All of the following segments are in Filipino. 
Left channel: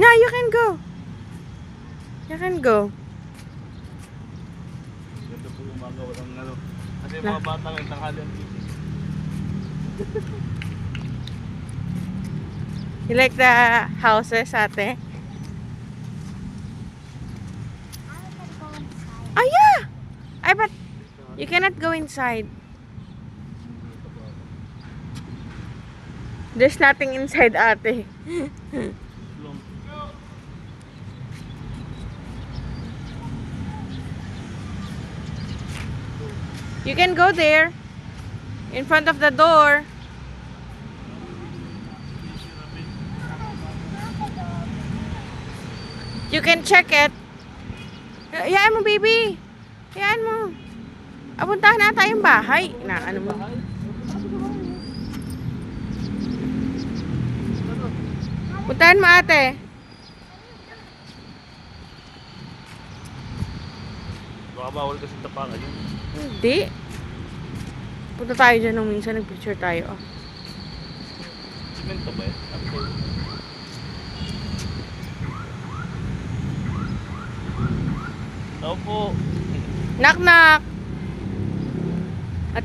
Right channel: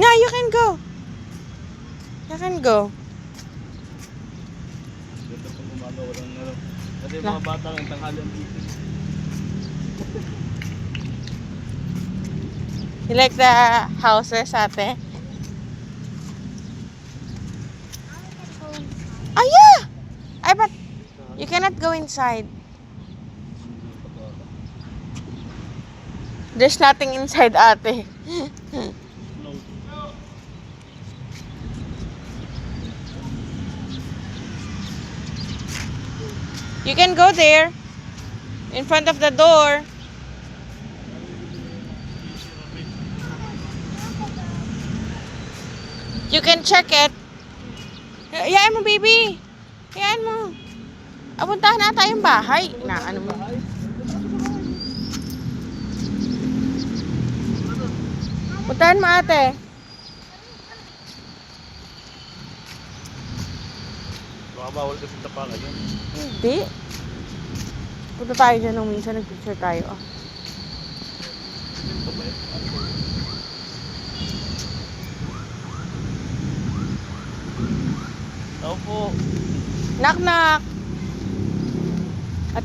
No, you can go. You can go. Ito po gumagawa ng ano. Kasi yung mga bata ng tanghalan dito. You like the houses, ate? Oh, yeah! I but you cannot go inside. There's nothing inside, ate. You can go there. In front of the door. You can check it. Hayaan mo, baby. Hayaan mo. Apuntahan na tayong bahay. Na, ano mo? Puntahan mo, ate. Baka bawal kasi tapalan yun. Hindi. Punta tayo dyan nung minsan. Nag-picture tayo. Oh. Ganito ba yun? Tao po. Knock, knock.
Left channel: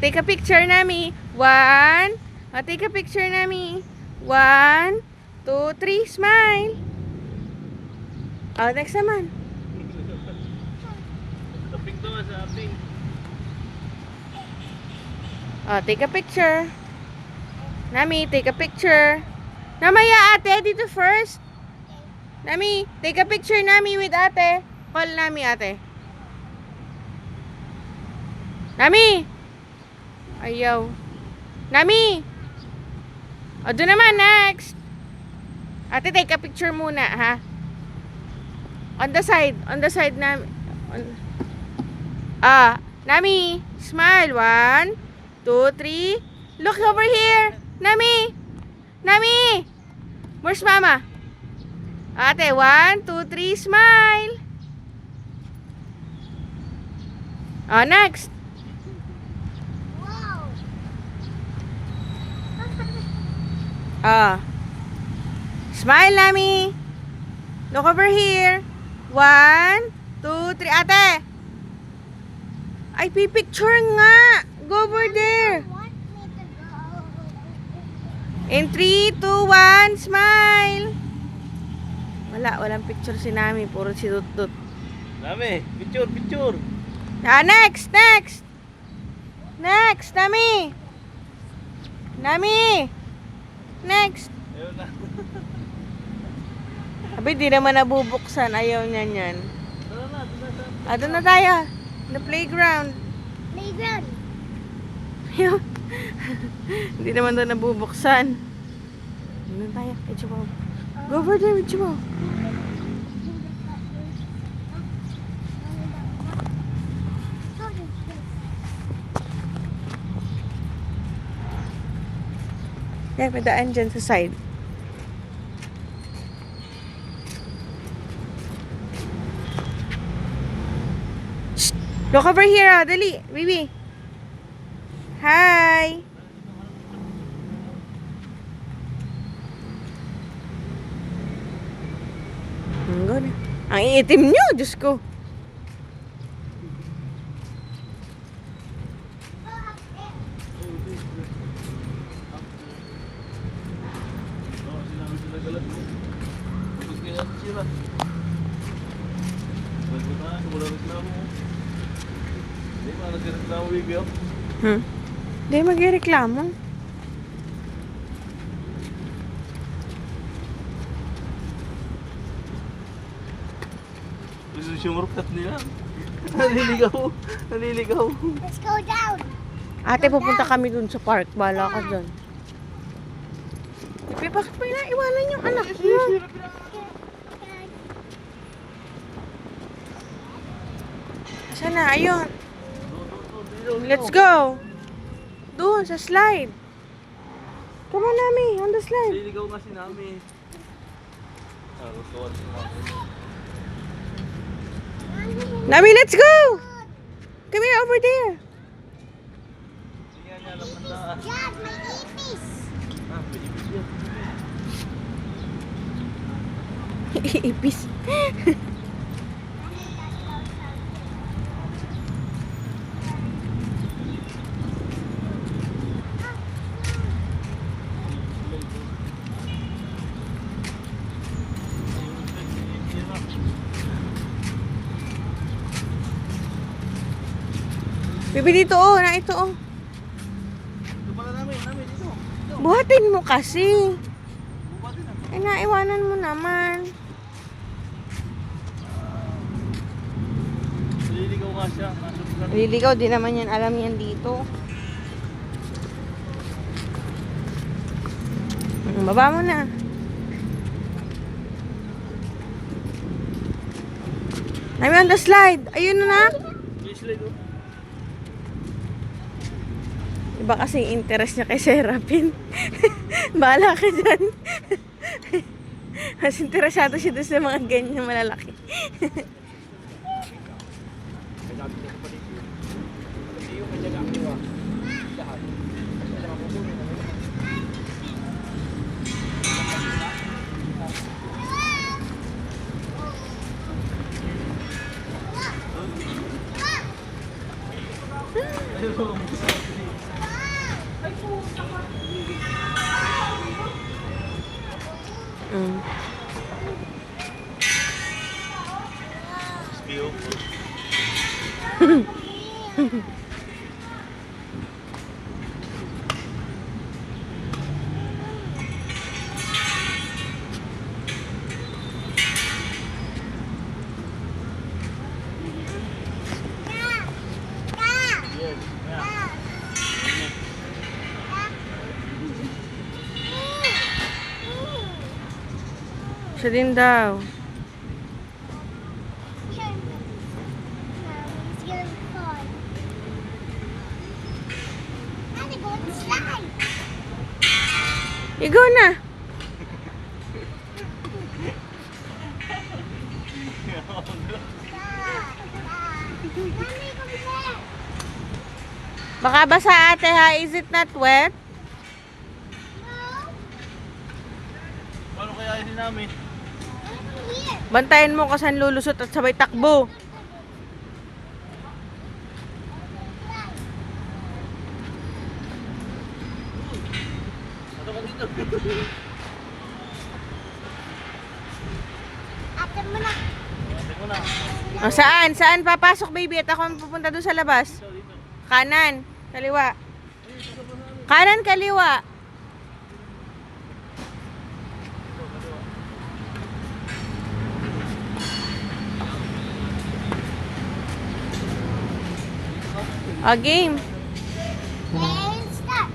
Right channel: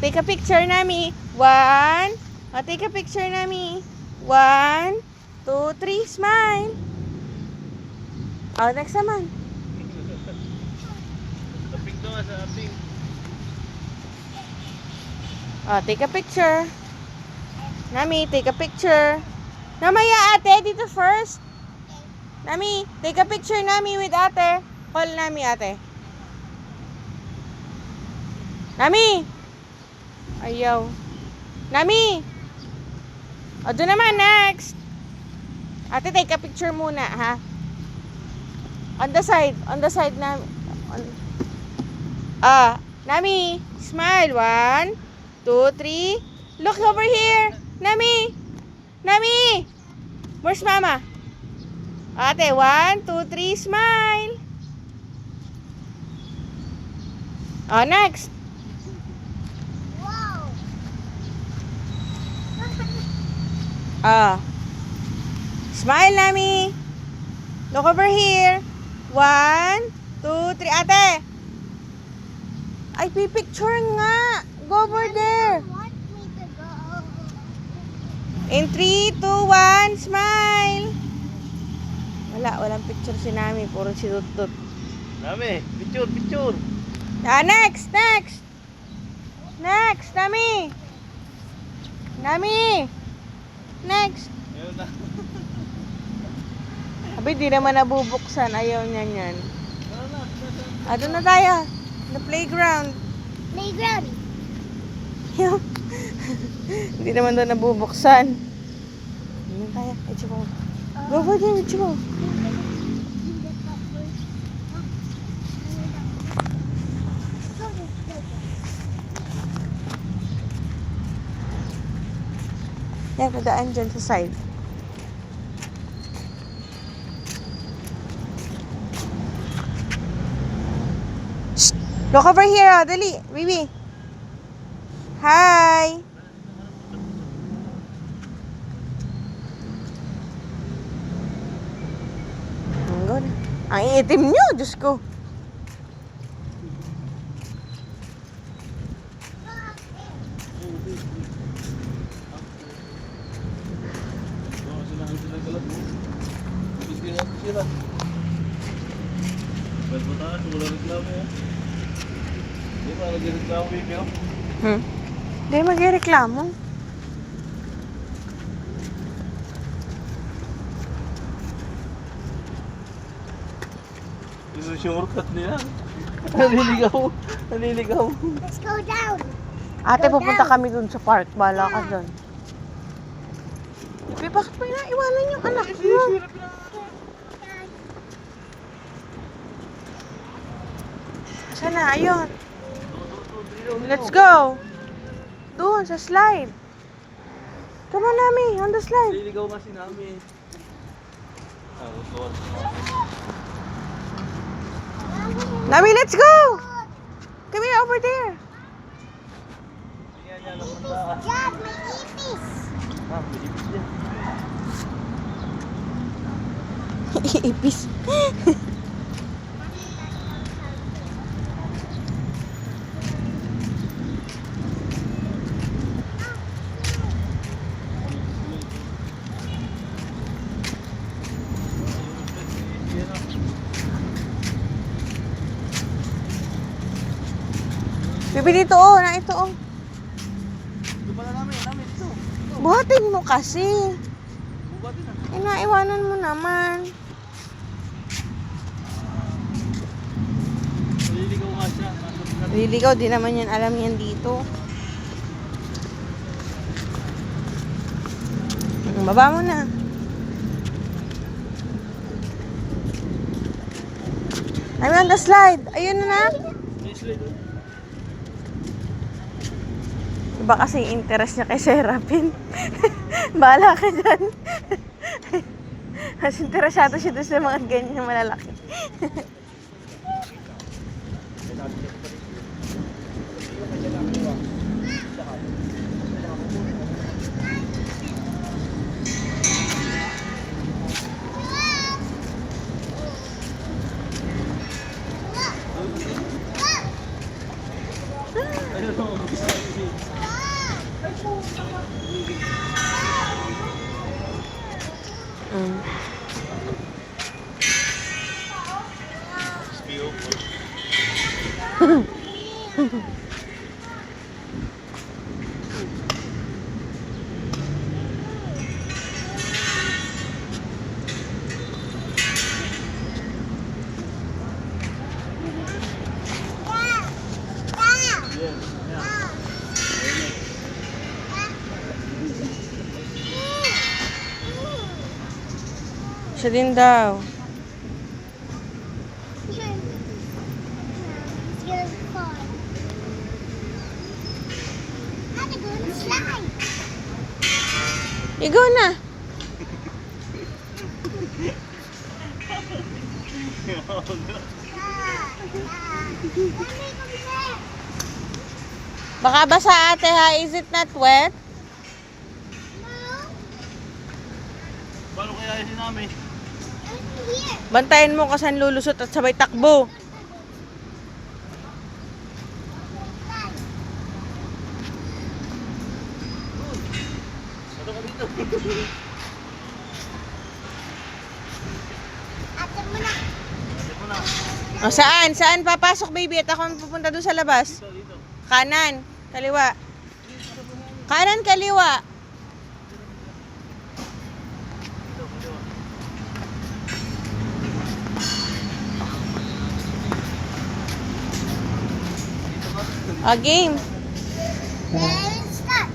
Take a picture, Nami. 1. Take a picture, Nami. 1, 2, 3. Smile. Oh, next naman. Taping to nga sa ating. Take a picture. Nami, take a picture. Namaya, ate. Dito first. Nami, take a picture, Nami, with ate. Call Nami, ate. Nami! Ayaw. Nami! O, doon naman, next. Ate, take a picture muna, ha? On the side na. Nami, smile. 1, 2, 3. Look over here. Nami! Nami! Where's mama? Ate, 1, 2, 3, smile. Next. Smile, Nami. Look over here. 1, 2, 3. Ate. Ay, pipicture nga. Go over there. In 3, 2, 1, smile. Walang picture si Nami. Puro si Tutut. Dami. Picture, picture. Next. Next, Nami. Nami. Next. Ayun na. Abi, di naman nabubuksan. Ayaw niyan yan. Tara na. Doon na tayo. The playground. Playground. Hindi naman doon nabubuksan. Doon na tayo. Ichibo. Go over there, Ichibo. Yan, may daan dyan sa side. Shh! Look over here, dali. Bibi. Hi! Ang iitim nyo, Diyos ko. Sila. Magbutaan, wala reklamo yan. Hindi pa nagreklamo, baby. Hindi magreklamo. Isusumurkat nila. Naliligaw. Let's go down. Ate, pupunta kami dun sa park. Bala ka dun. Bakit pa iwanan yung anak mo? Sana, ayun. Let's go. Doon, sa slide. Come on, Nami. On the slide. Naliligaw nga si Nami. Rutuan sa mga. Nami, let's go. Come here, over there. Tingnan niya napunta. Dad, may ipis. Pilipis yan. Ipis. Bibi dito oh, na ito oh. Ito pala namin, ito. Buhatin mo kasi. Bubatin na. Eh, naiwanan mo naman. Naliligaw nga siya. Liligaw, di naman yan alam yan dito. Baba mo na. I'm on the slide. Ayun na. Iba kasi yung interest niya kay Serapin. Bahala ka dyan. Mas interesado siya doon sa mga ganyan malalaki. Mm. Siya din daw. It's really cold. I'm gonna go on the slide. Ikaw na. Mommy, come back. Baka basa ate ha. Is it not wet? Paano kaya yun namin? Here. Bantayan mo kasi ang lulusot at sabay takbo. Ate mo na. Ito na. O, saan? Saan papasok baby? At ako ang pupunta doon sa labas. Kanan. Kaliwa. Kanan, kaliwa. O, game. Then start.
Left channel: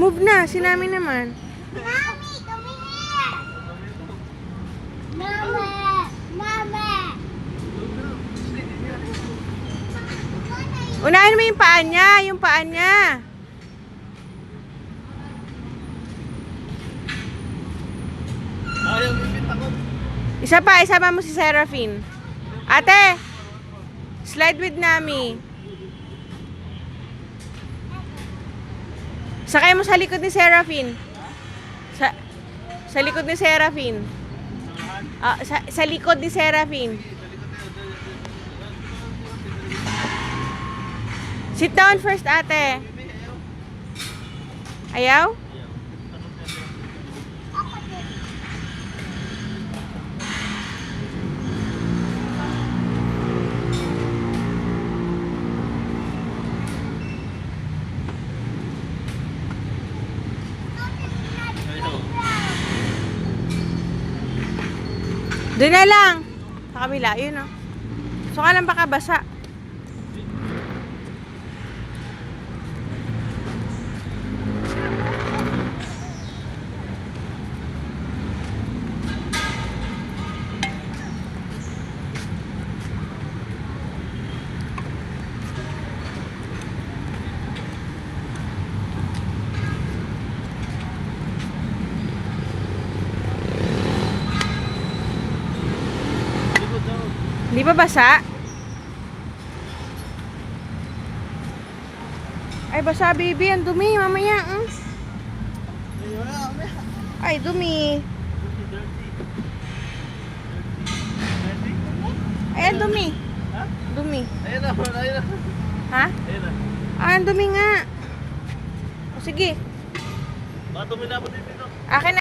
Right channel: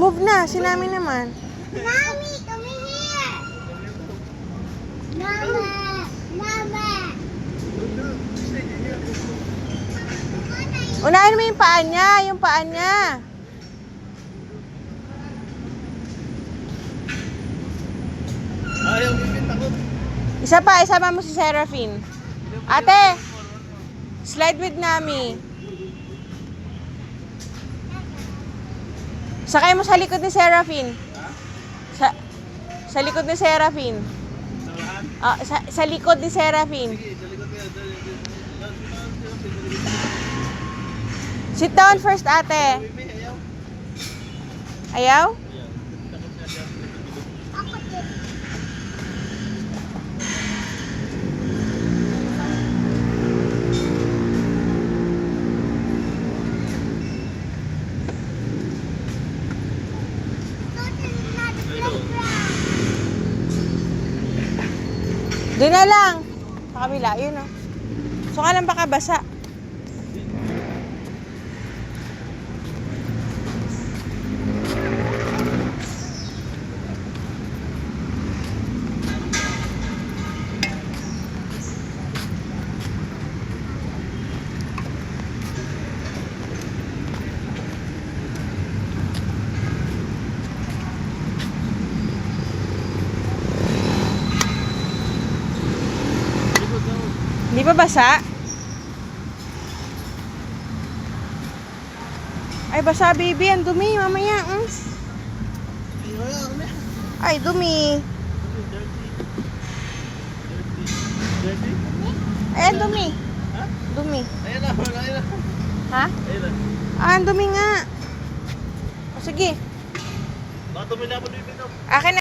Move na. Sinami naman. Mommy, come here. Mama. Mama. Unahin mo yung paa niya. Yung paa niya. Ayaw bibit ako. Isa pa. Isama mo si Seraphine. Ate. Slide with Nami. Sakay mo sa likod ni Seraphine. Sa likod ni Seraphine. Ah, sa likod ni Seraphine. Sit down first, ate. Ayaw? Ako din. Doon na lang. Sa kabila, yun o. So, ka lang baka basa. Hindi ba basa? Ay, basa baby. Ang dumi. Mamaya. Ay, dumi. Ayan, dumi. Dumi. Ayun na, ayun na. Ha? Ayun na. Ah, ang dumi nga. Sige. Baka tumilapon dito. Akin na.